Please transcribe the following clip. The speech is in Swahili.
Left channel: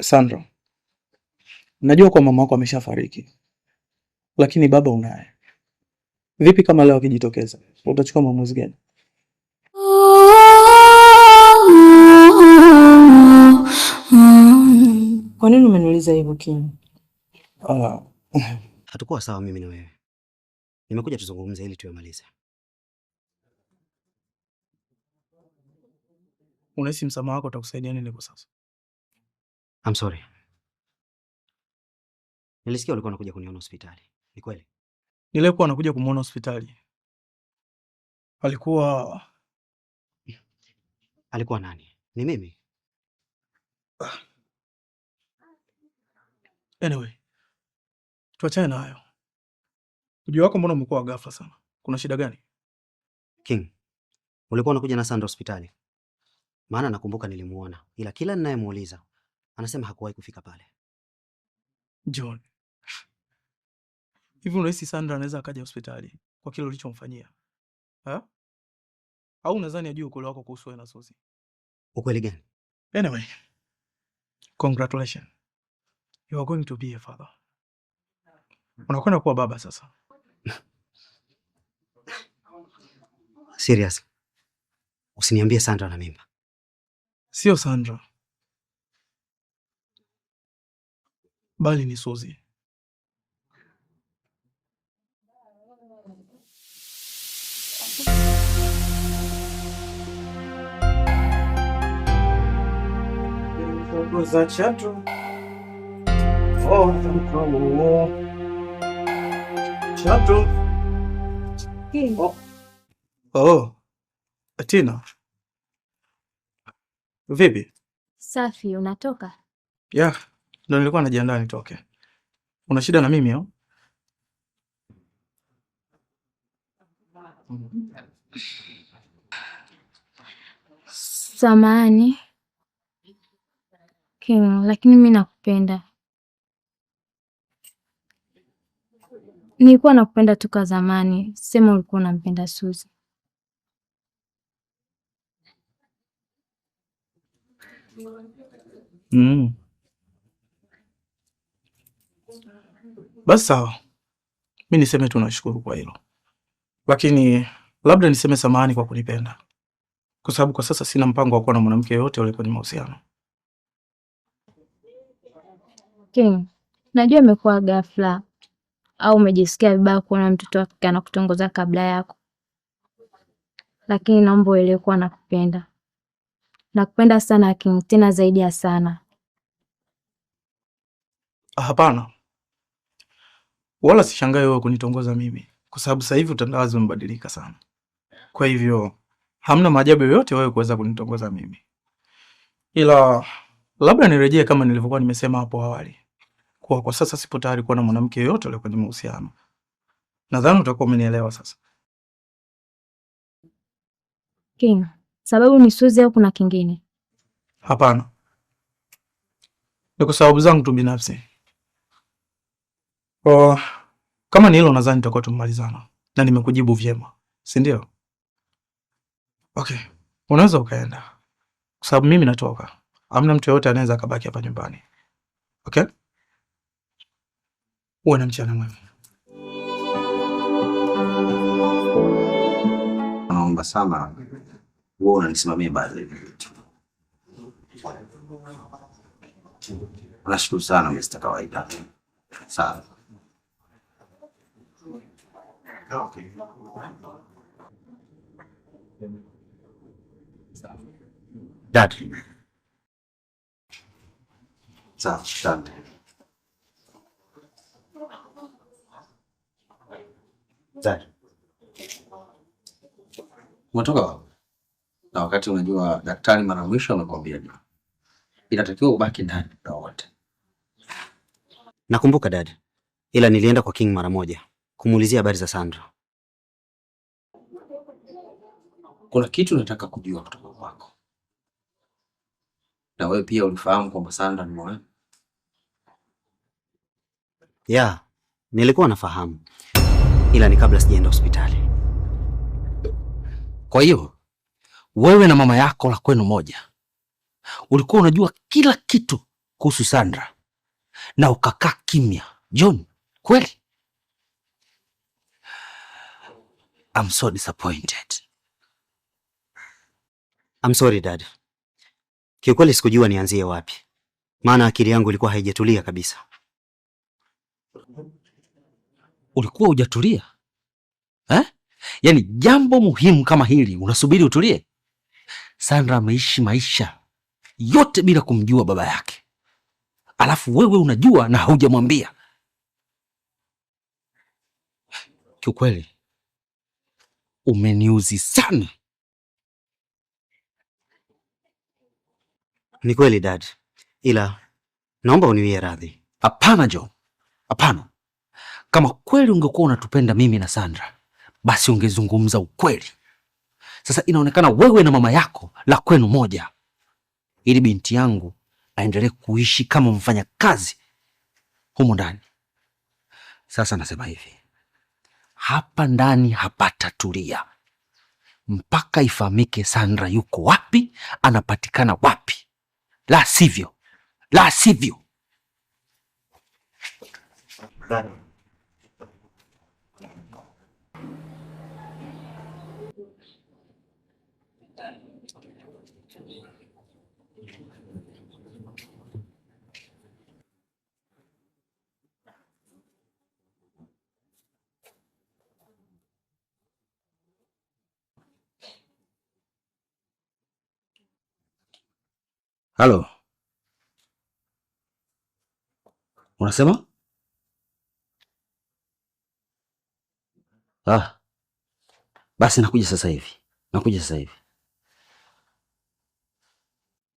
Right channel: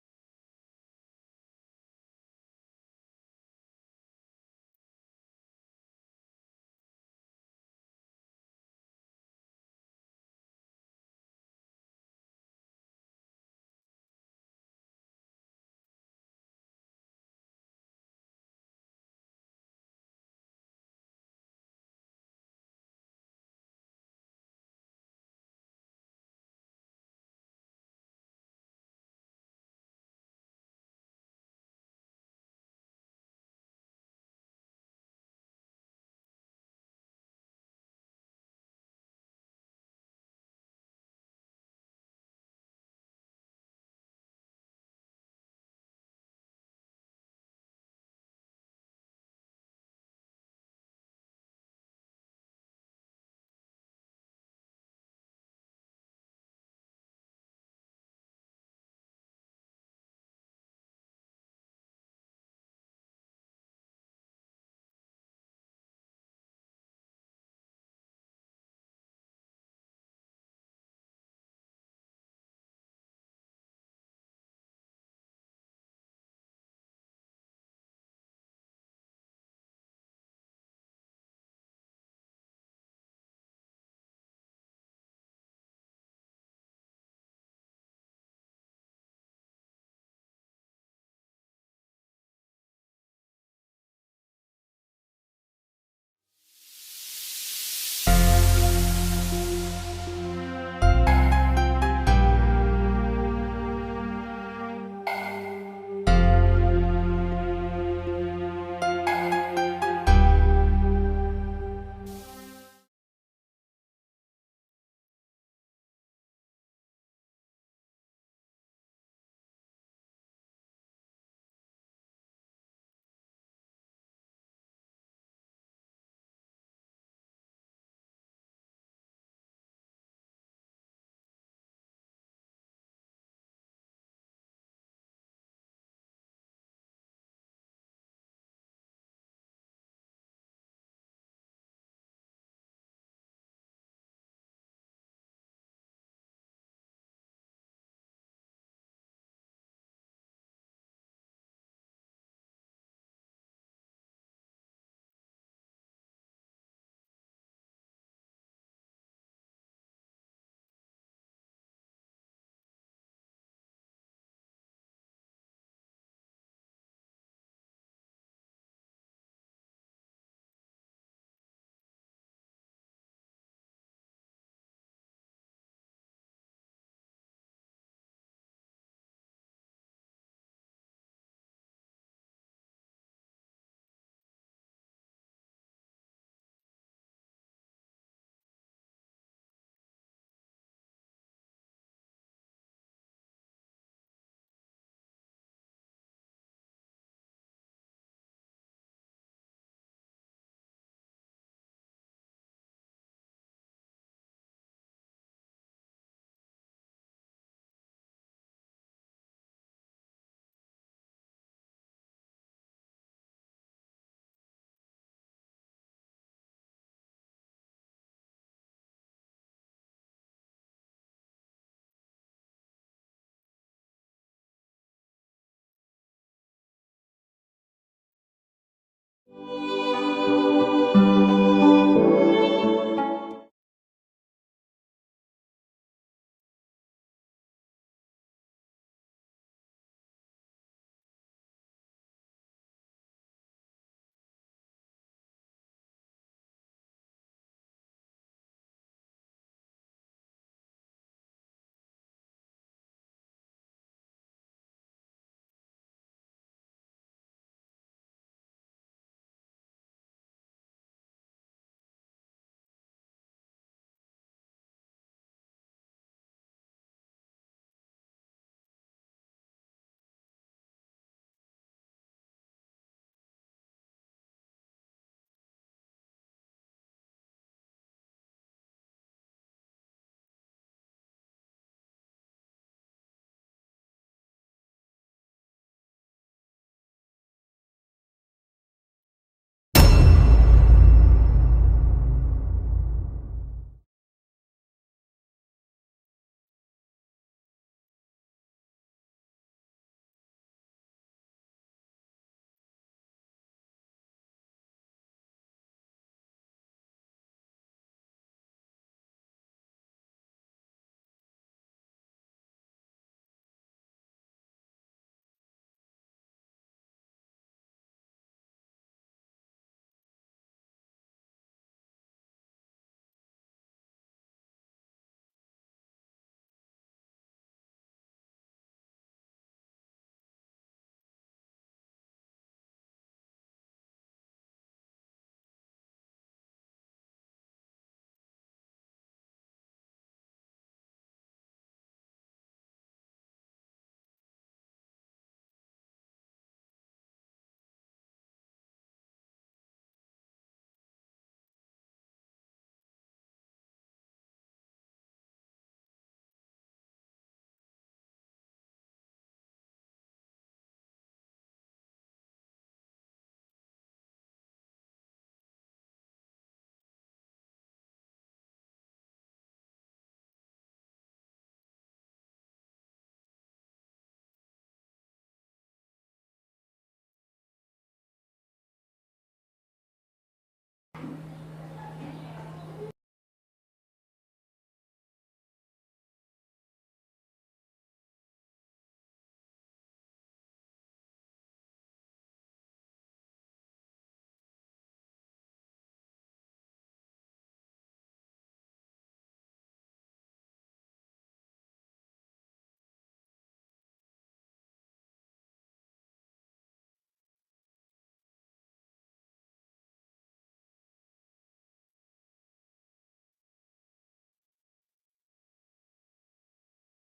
Sandra, najua kwa mama wako ameshafariki, lakini baba unaye. Vipi kama leo akijitokeza, utachukua maamuzi gani? Kwa nini umeniuliza hivyo King? Hatukuwa sawa mimi na wewe. Nimekuja tuzungumze ili tuyamalize. Unahisi msamaha wako utakusaidia nini kwa sasa? I'm sorry. Nilisikia ulikuwa unakuja kuniona hospitali. Ni kweli? Nilikuwa nakuja kumuona hospitali. Alikuwa nani? Ni mimi. Anyway, tuachane na hayo. Ujio wako mbona umekuwa ghafla sana? Kuna shida gani? King, ulikuwa unakuja na Sandra hospitali? Maana nakumbuka nilimuona, ila kila ninayemuuliza anasema hakuwahi kufika pale. John, hivi unahisi Sandra anaweza akaja hospitali kwa kile ulichomfanyia? Au unadhani ajue ukweli wako kuhusu wewe na Suzy? Ukweli gani? Anyway, congratulations. You are going to be a father. Unakwenda kuwa baba sasa. Serious. Usiniambie Sandra na mimba. Sio Sandra, bali ni Suzy. Za chatu. Chatu. Tina. Vipi? Safi, unatoka? Yeah, ndo nilikuwa najiandaa nitoke. Una shida na mimi au? Samahani King, lakini mimi nakupenda. Nilikuwa nakupenda toka zamani. Sema ulikuwa unampenda Suzy. Basi sawa. Mimi niseme tu nashukuru kwa hilo. Lakini labda niseme samahani kwa kunipenda. Kwa sababu kwa sasa sina mpango wa kuwa na mwanamke yoyote yule kwenye mahusiano. King, najua imekuwa ghafla au umejisikia vibaya kuona mtoto wa kike anakutongoza kabla yako. Lakini naomba uelewe kuwa nakupenda. Nakupenda sana King, tena zaidi ya sana. Hapana. Wala sishangai wewe kunitongoza mimi, kwa sababu sasa hivi utandawazi umebadilika sana. Kwa hivyo hamna maajabu yoyote wewe kuweza kunitongoza mimi. Ila labda nirejee kama nilivyokuwa nimesema hapo awali. Kwa sasa sipo tayari kuwa na mwanamke yoyote yule kwenye mahusiano. Nadhani utakuwa umenielewa sasa. King, sababu ni Suzy au kuna kingine? Hapana. Ni kwa sababu zangu tu binafsi. Kama ni hilo nadhani tutakuwa tumemalizana. Na nimekujibu vyema. Si ndio? Okay. Unaweza ukaenda. Kwa sababu mimi natoka. Hamna mtu yoyote anaweza akabaki hapa nyumbani. Okay? Uwe na mchana mwema. Naomba sana wewe unanisimamia baadhi ya vitu. Nashukuru sana Mr. Kawaida. Sawa. Okay. Dad. Sawa, asante. Dad. Umetoka wapi? Na wakati unajua daktari mara mwisho amekwambia inatakiwa ubaki ndani muda wote. Nakumbuka dad. Ila nilienda kwa King mara moja kumuulizia habari za Sandra. Kuna kitu nataka kujua kutoka kwako. Na wewe pia ulifahamu kwamba Sandra ni mwanamke? Yeah, nilikuwa nafahamu. Ila ni kabla sijaenda hospitali. Kwa hiyo wewe na mama yako la kwenu moja ulikuwa unajua kila kitu kuhusu Sandra na ukakaa kimya. John, kweli? I'm so disappointed. I'm sorry dad. Kiukweli sikujua nianzie wapi, maana akili yangu ilikuwa haijatulia kabisa. Ulikuwa hujatulia? Yaani jambo muhimu kama hili unasubiri utulie? Sandra ameishi maisha yote bila kumjua baba yake, alafu wewe unajua na haujamwambia. Kiukweli umeniuzi sana. Ni kweli dad, ila naomba uniwie radhi. Hapana John, hapana. Kama kweli ungekuwa unatupenda mimi na Sandra, basi ungezungumza ukweli. Sasa inaonekana wewe na mama yako la kwenu moja, ili binti yangu aendelee kuishi kama mfanya kazi humo ndani. Sasa nasema hivi, hapa ndani hapatatulia mpaka ifahamike Sandra yuko wapi, anapatikana wapi. La sivyo, la sivyo. Halo, unasema? Basi nakuja sasa hivi, nakuja sasa hivi.